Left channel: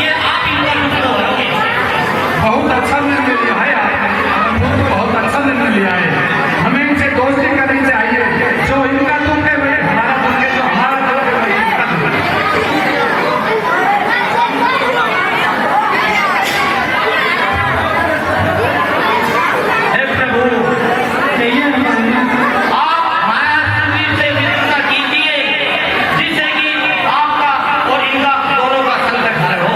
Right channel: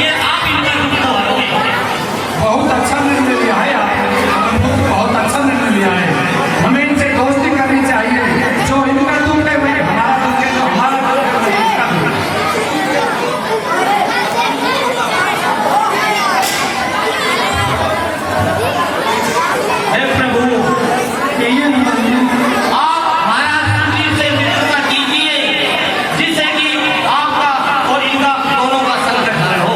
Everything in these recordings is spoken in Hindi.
ये आप इनका दुख तो हरोगे। बहुत अच्छा निर्णय लिया है आपने, बहुत अच्छा निर्णय लिया है। हमें इनसे दोस्ती करनी चाहिए। जो इनका दुख है वही हमारा दुख है, जो हमारा दुख है हे प्रभु, आप महाराज सुग्रीव से मित्रता कीजिए, जिससे कि आपका और इनका दोनों का संकट हल हो।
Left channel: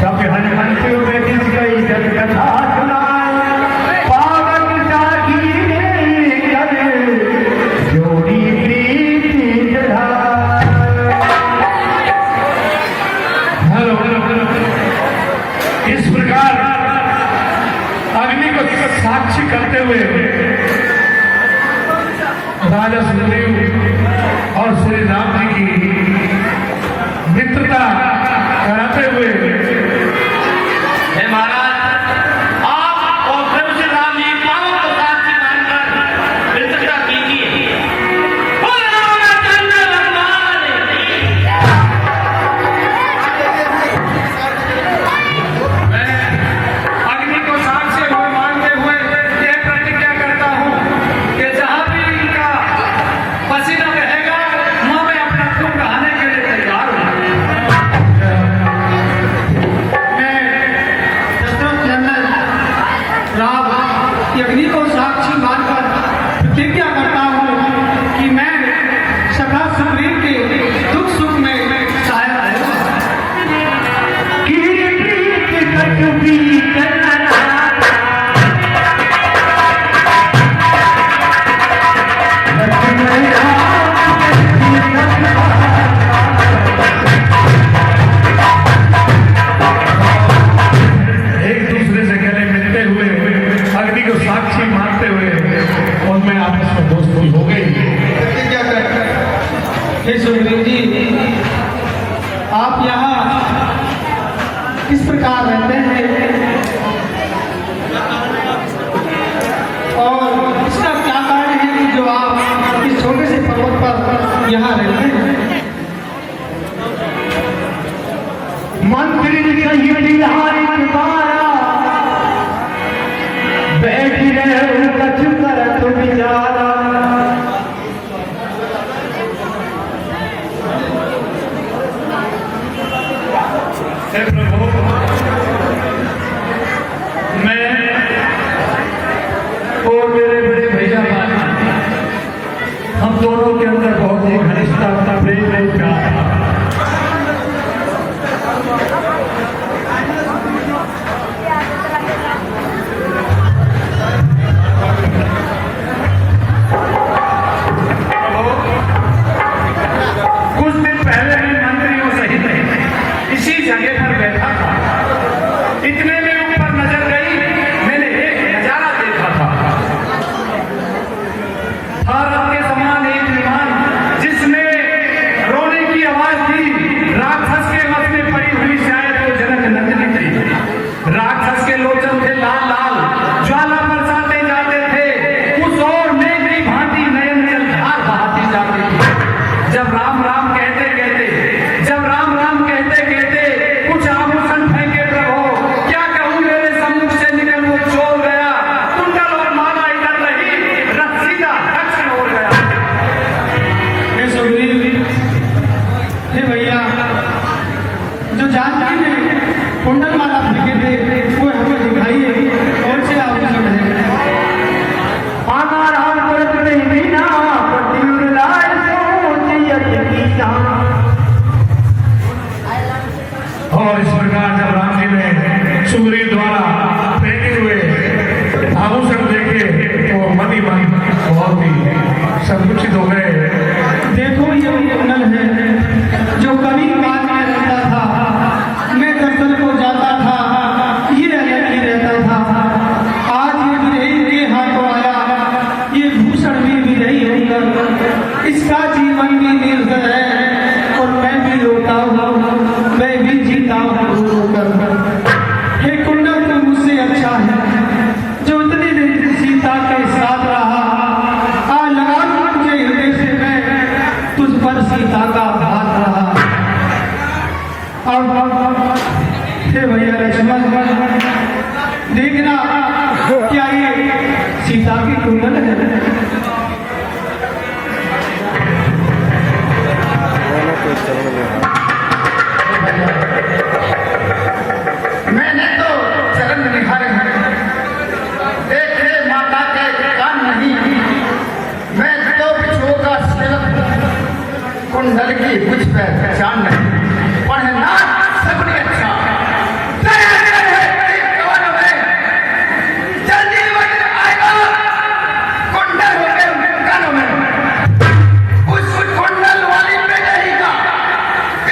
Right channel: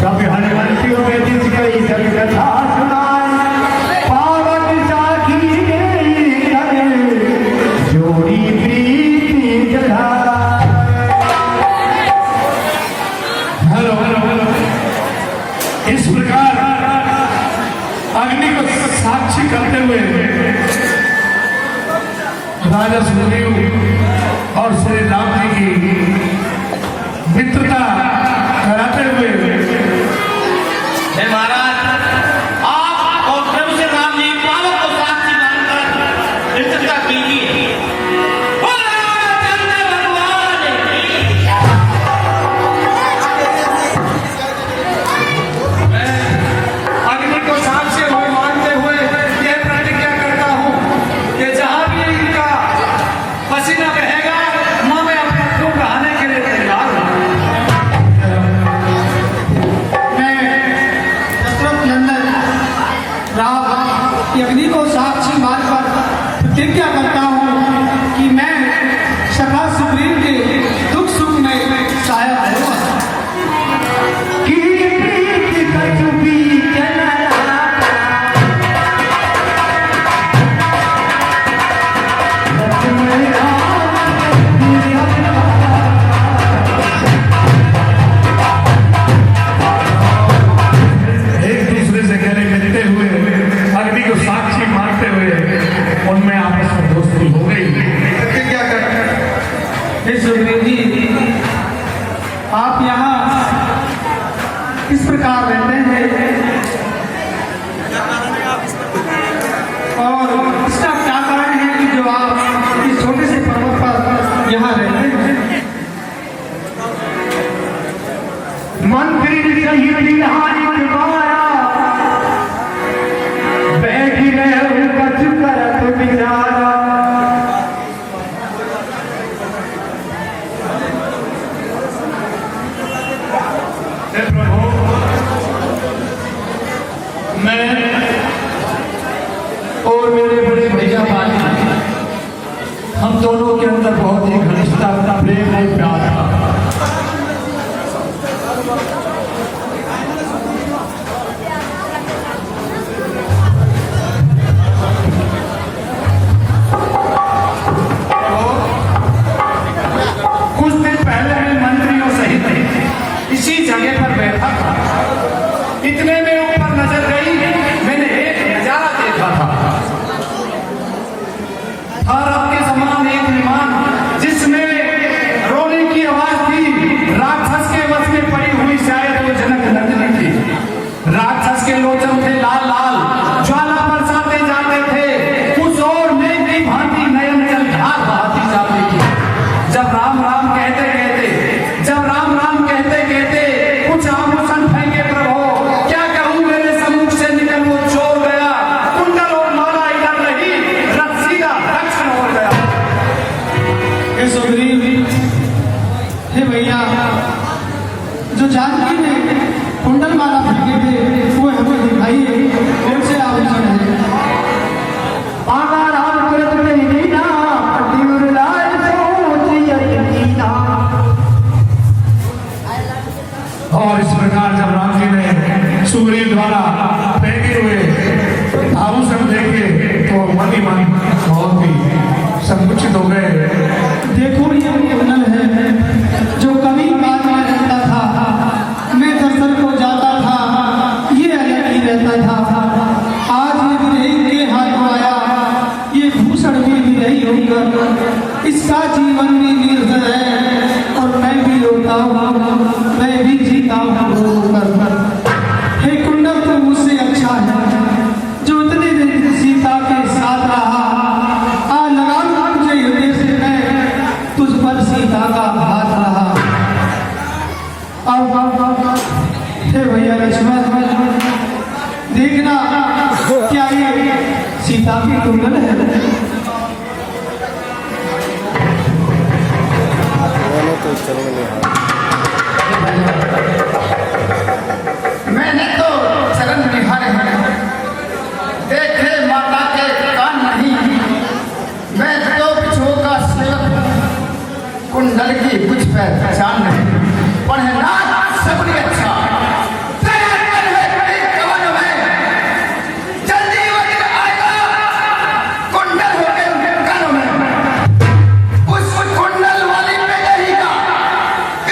सब हनुमंत उपदेश गई सब कथा सुनाई, पावन साखी ने करे, जोड़ी प्रीति जलाई। Hello hello hello. इस प्रकार अग्नि को साक्षी करते हुए राजा सुग्रीव और श्री राम जी की मित्रता कराते हुए हे महाराज, आप और प्रभु श्री राम जी दोनों को साक्षी मानकर मित्रता कीजिए। बोलो रामचंद्र भगवान की। मैं अग्नि को साक्षी हुए मानते हुए यह प्रतिज्ञा करता हूँ कि जहाँ भी इनका पसीना बहेगा वहाँ मैं अपना खून बहाने के लिए तैयार हूँ। मैं दशरथ नंदन राम अग्नि को साक्षी मानकर प्रतिज्ञा करता हूँ कि मैं सदा सुग्रीव के दुख सुख में सहायक रहूंगा। कीर्ति कछुबी चला, लक्ष्मण एक दूसरे से गले मिलते हुए अग्नि को साक्षी मानते हुए उनमें आपस में दोस्ती हो गई। प्रतिज्ञा कर हे सुग्रीव जी, आप यहाँ इस प्रकार रहते हैं और इसका क्या कारण है कि जो आप इस छोटे से पर्वत पर यहाँ रहते हैं? मंत्री सही बिहारी बारा, बैठी रहे कछु करत बिचारा। हे प्रभु, मैं और मेरे बड़े भैया भाई, हम दोनों के अंदर बहुत ही घनिष्ठता प्रेम और प्यार था। कुछ दिन पहले मैं मंत्रियों सहित इसी जगह पर बैठा था। इतने में ऊपर नजर गई, मैंने एक नजारा देखा था। भारत के समान एक विमान जिसमें रोने की आवाज थी, राक्षस के वश में पड़ी हुई शायद तो जनक नंदिनी थी। राक्षस के लोचन थे लाल लाल, ज्वाला बरसाते जाते थे। उस ओर मेघ की भांति नए नए धार बहाती जाती थी। जब राम राम कहते कहते, जब राम राम कहते कहते कुछ आभूषण फेंके प्रभु, क्या कहूँ मेरे सम्मुख से निकल वो चोर गया। कुंडल और माला इधर नहीं, रथ सीधा दक्षिण हो गया। हे सुग्रीव, हे भैया, जो जानकी ने कुंडल माला फेंके थे वो हमें दिखाइए, कौन से आभूषण है? आगा राम तुरत में मीना, पति लाल सोचियत कीना। और इस प्रकार जब राम जी ने सुग्रीव द्वारा फेंके हुए आभूषण देखे तो मन ही मन बहुत ही संकुचित हो गए। देखो ये वो कुंडल है जो कभी बात में रहता था, मैं दर्शन को जाता था, ये अलग ही रहता था। आज ये विरही के हाथों आया, ये भूषण भी विरही होकर इसका जीवन भी निर्जल है और मैं भी रोता हूँ, मैं भी जीता हूँ रो कर। हे कुंडल, तो मुझसे अच्छा है जो इतनी दिन सीता के साथ रहा। आज लगा तुझे हृदय से मैं तुझ पर सीता का हाथ रहा। अब हे भैया लक्ष्मण, देखना क्या ये सीता की कुंडल है? मैंने तो चरण में हाथ मैंने तो चरण निहारे हैं, देखे माता के कान नहीं। मैं तो बिछुओं का सेवक, कुंडल की कुछ पहचान नहीं। पढ़ना सबने अच्छा, तैयार है कवन में, जल्दी वही आएगा कुंडल होके कानों में। उस कुंडल वाली पे रहेगा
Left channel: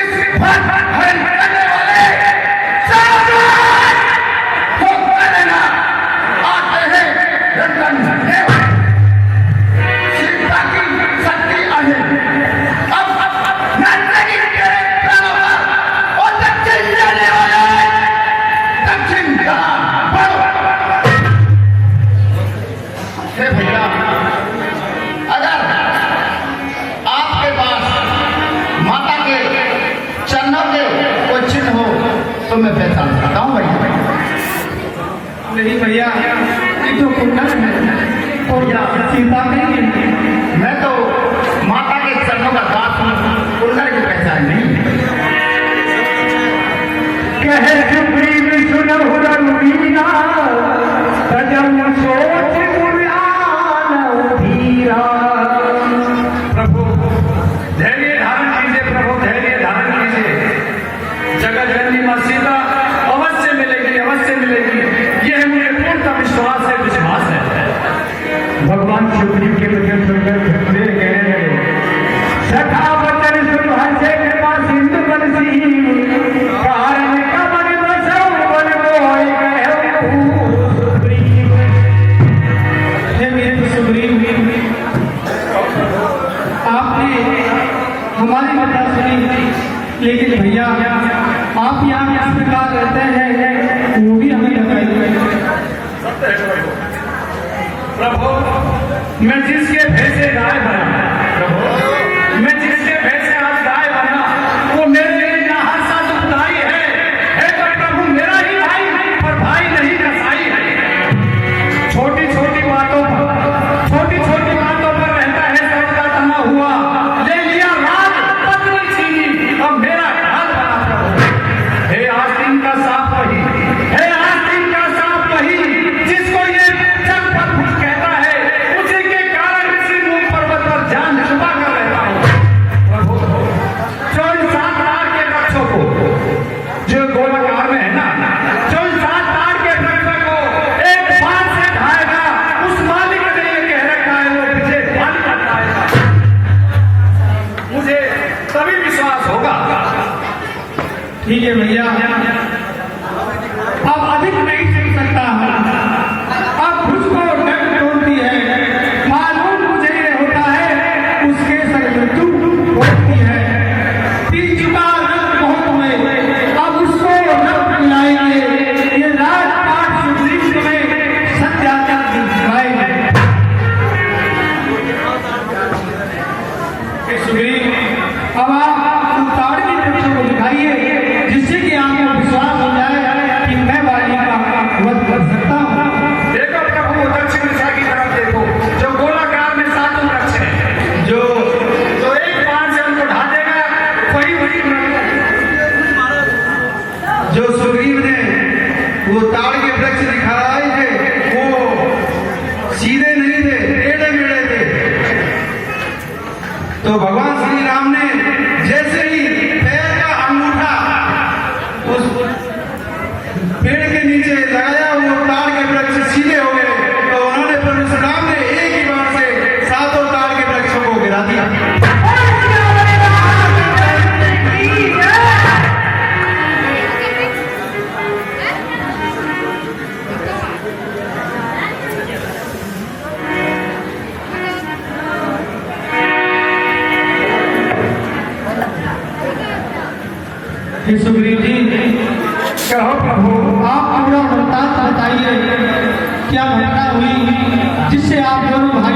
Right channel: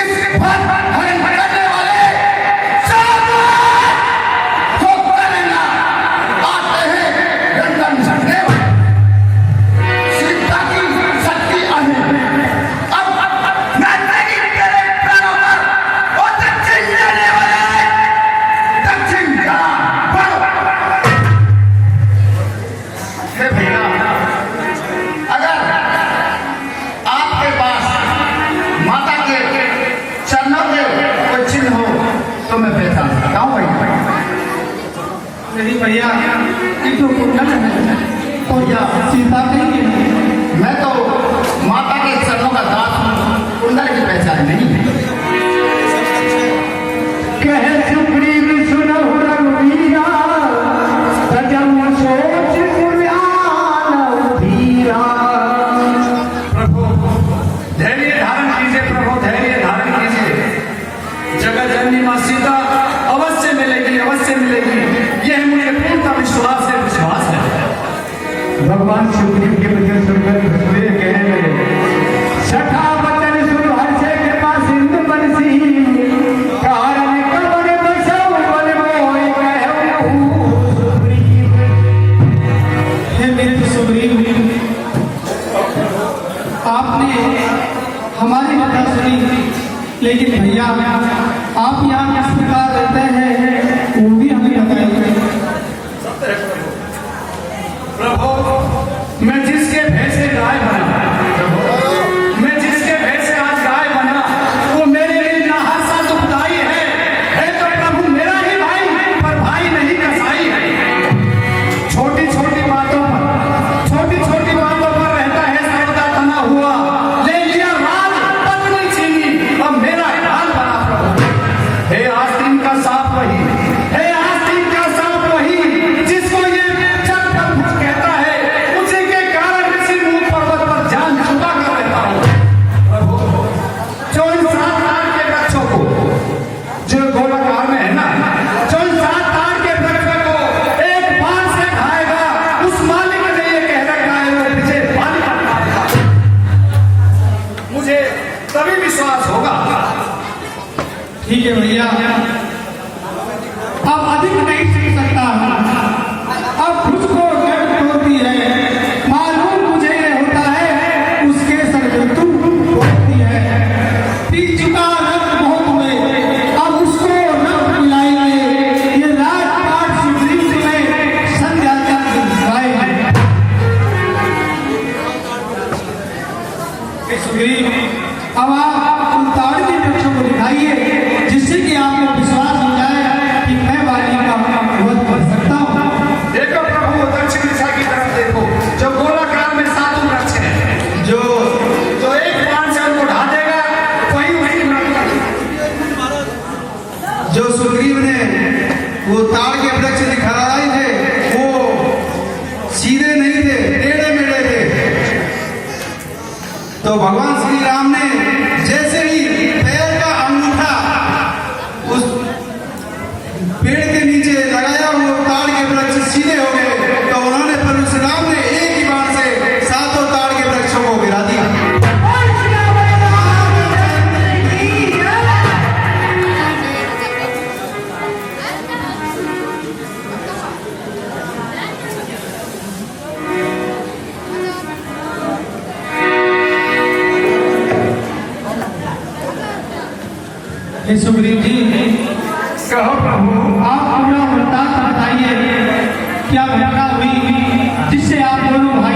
इस हरण करने वाले हो करना आते हैं रंगन झंडे। सीता की शक्ति आहे। अब मैं नहीं तेरे प्राणों पर और दक्षिण देने वाले दक्षिण का बढ़ो। हे भैया, अगर आपके पास माता के चरणों के कोई चिन्ह हो तो मैं पहचान सकता हूँ भैया। नहीं भैया, ये तो कुंडल है, तो क्या सीता नहीं है? मैं तो माता के चरणों का दास हूँ, कुंडल की पहचान नहीं। कहे सुग्रीव सुनहु रघुवीरा, तजन सोच पुराण धीरा। प्रभु धैर्य धारण कीजिए, प्रभु धैर्य धारण कीजिए। जगत जननी मां सीता अवश्य मिलेगी, अवश्य मिलेगी, यह मुझे पूर्ण विश्वास है। भगवान सुग्रीव के वचन सुनकर हंसते गए। सखा वचन सुन हर्षे कृपा सिंधु बंसी, कारण कबड़ बसौ बन मोहि कहु सुग्रीव। हे मेरे सुग्रीव, आपने हमारी कथा सुनी, लेकिन भैया आप यहाँ किस प्रकार रहते हैं वो भी हमें बताइए। प्रभु मैं जिसके भेष से गाय बना, मैं जिसके भेष से आज गाय बना, वो मेरे लिए नाहर सा दुखदाई है। तो प्रभु मेरा ही भाई, पर भाई नहीं कसाई है। छोटी छोटी बातों पर रहता है सबका तना हुआ। ले लिया राज, पत्नी छीनी, अब मेरा हाल बना प्रभु। हे आस्तीन का सांप वही, हे आस्तीन का सांप वही, जिसको ये छत पर भूत कहता है, उसी के कारण इसी मूक पर्वत पर जान छुपा कर रहता हूँ। प्रभु जो इन 7 ताड़ के वृक्षों को, जो गोलाकार में है ना, जो इन 7 ताड़ के वृक्षों को एक बाण से खाएगा, उस मालिक ने ये कह रखा है वो पीछे बाण काटेगा। मुझे तभी विश्वास होगा। ठीक है भैया, अब अधिक नहीं सुन सकता। अब मुझको डर होती है, मालूम मुझे ये होता है उसके सर में तू होती है। पी चुका रक्त बहुत में, अब उसको रक्त मिलाएंगे। ये राजपाट सुग्रीव तुम्हें संध्या तक दिखाएंगे। सुग्रीव, अब आप ताड़ के वृक्षों को दिखाइए, जिससे कि आपको विश्वास हो जाए कि मैं वाली का वध कर सकता हूँ। देखो प्रभु, दक्षिण दिशा की तरफ देखो, जो गोलाकार में 7 वृक्ष हैं, जो एक बाण से उनको ढा देगा, वही जो सुग्रीव ने वो ताड़ के वृक्ष दिखाए थे, वो सीधे नहीं थे, टेढ़े मेढ़े थे। तो भगवान श्री राम ने जैसे ही पैर का अंगूठा उस पेड़ के नीचे लगाया, वो ताड़ के वृक्ष सीधे हो गए। तो उन्होंने परशुराम ने एक ही बाण से 7 ताड़ के वृक्षों को गिरा दिया। हे सुग्रीव जी, कहो प्रभु। आप पूरा वृत्तांत बताइए, क्या घटना हुई जिससे आप दोनों भाई